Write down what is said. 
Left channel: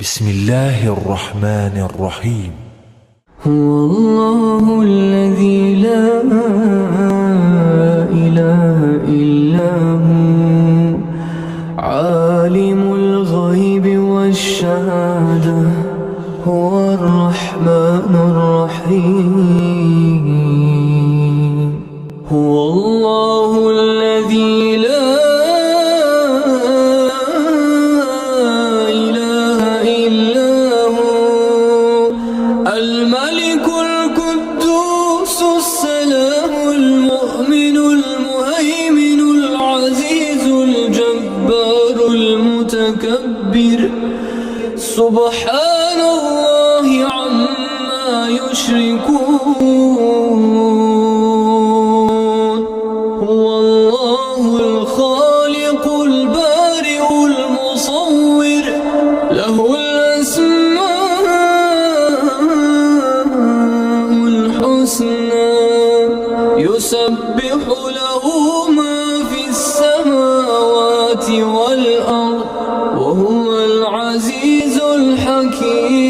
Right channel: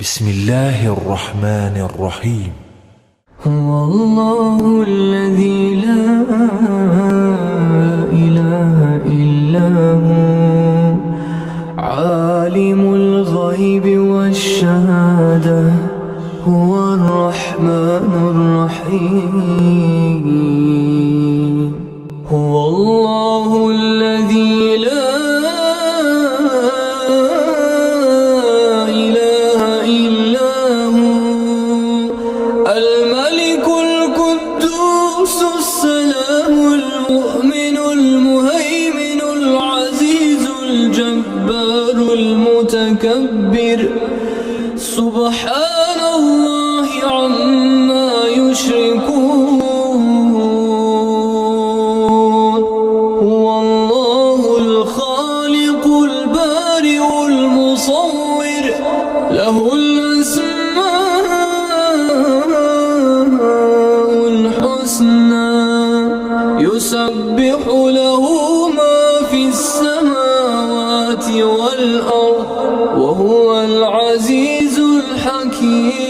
بسم الله الرحمن الرحيم. هو الله الذي لا إله إلا هو عالم الغيب والشهادة هو الرحمن الرحيم. هو الله الذي لا إله إلا هو الملك القدوس السلام المؤمن المهيمن العزيز الجبار المتكبر سبحان الله عما يشركون. هو الله الخالق البارئ المصور له الأسماء الحسنى يسبح له ما في السماوات والأرض وهو العزيز الحكيم.